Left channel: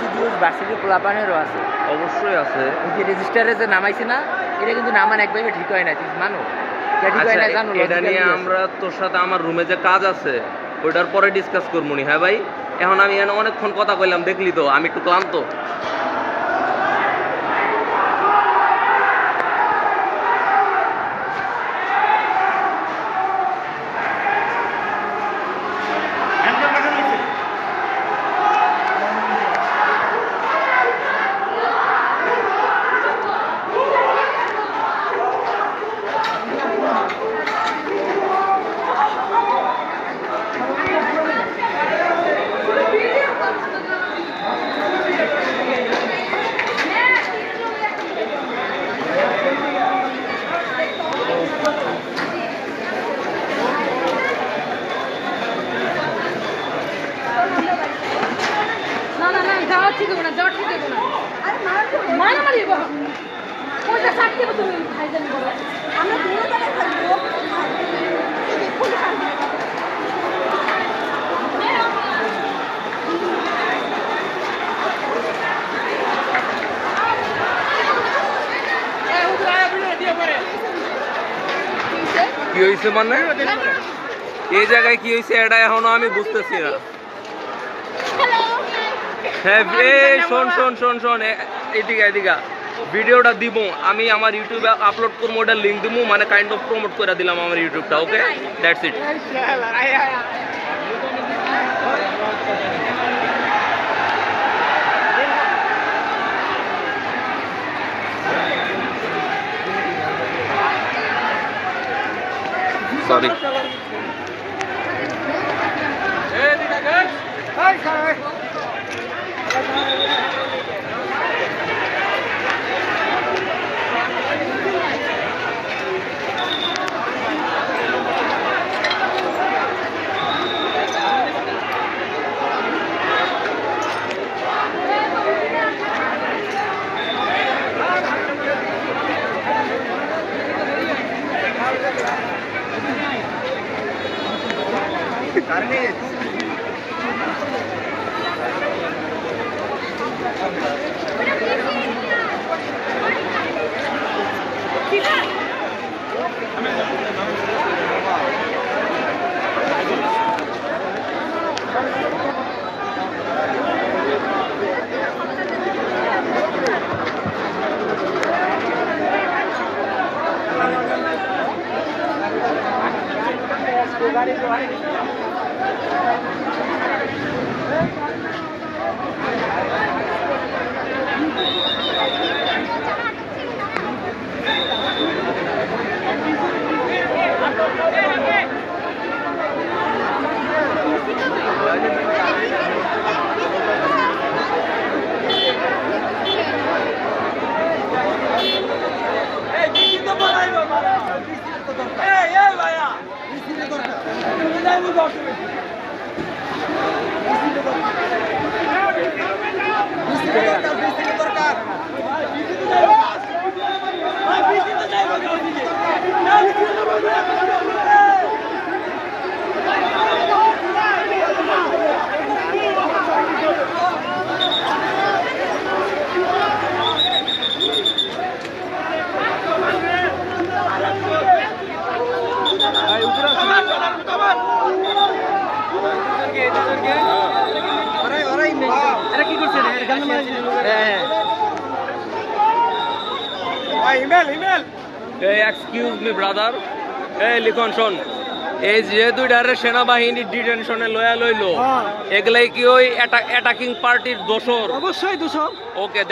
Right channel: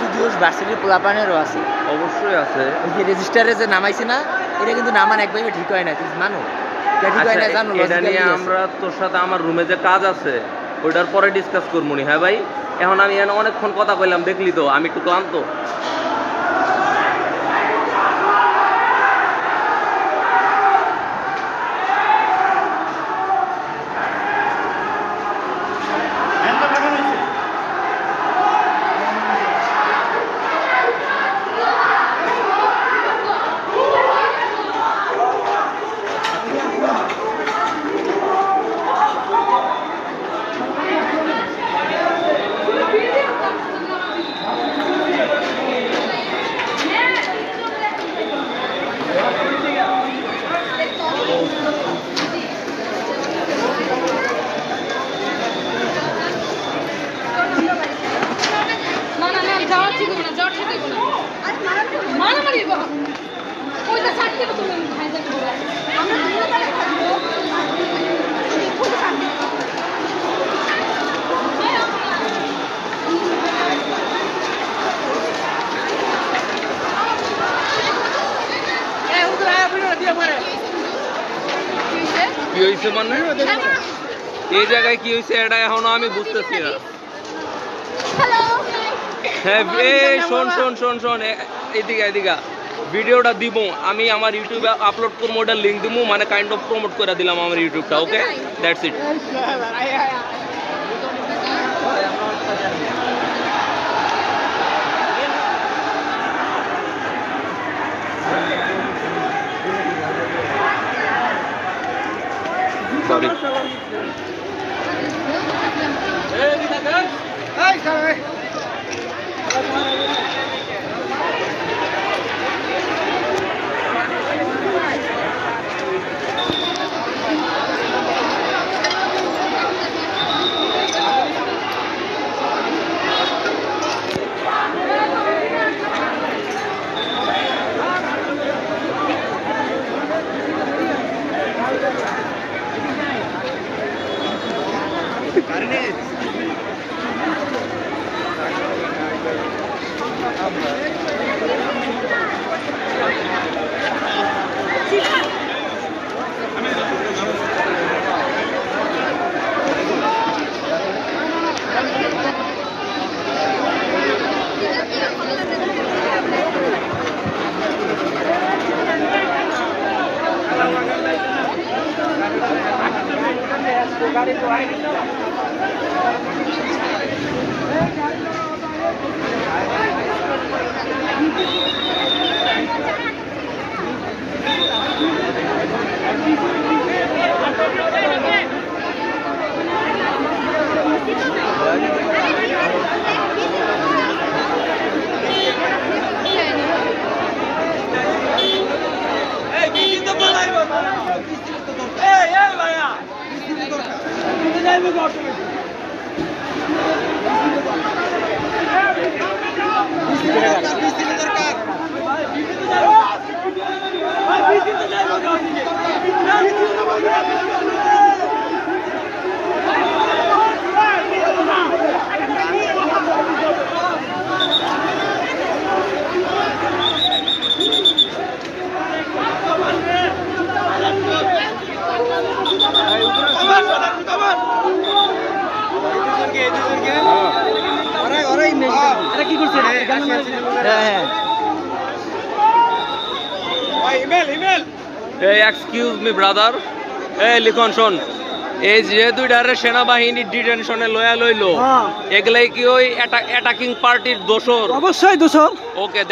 বেশি জোশ ভার্সিটির পোলাপানেরও আছে। অবশ্যই আছে। এই যে রেজিস্টারে যে নামাইছে না, এটা কিন্তু নামান একভাবে ঠিক হয় না, তুই মানো? এটা নিয়ে আমরা তোর সাথে আমার রুমে যে কাজ আছে ওইটার পরে ডিসকাস করবো নি। হ্যাঁ ভাই, এখন আমি এখানে অনেকক্ষণ কথা কইলাম, দেখলি তো আমি একটু ক্লান্ত। কি হয়েছে মানে এই জায়গায় কি হয়েছে এটা এখনো আমি বুঝতেছি না। হ্যাঁ শোন শোন শোন শোন, এদিকে এদিকে ভিডিওটা দিব আমি আমার ইউটিউবে আপলোড করবো, ওটার লিঙ্ক দিব, মানে কাইন্ড অফ প্রমোট করে দিলাম আমার ইউটিউবটা। Okay, that's it. Sorry. Excuse me brother, এই লিখন শোন, এই যে দুইটারে সেনাবাহিনী ডিটেনশনে লয়া লইলো, এগুলাই কি ওই অ্যাটাকিং পার্টির দোষর? অবশ্যই দোষর। ওকে।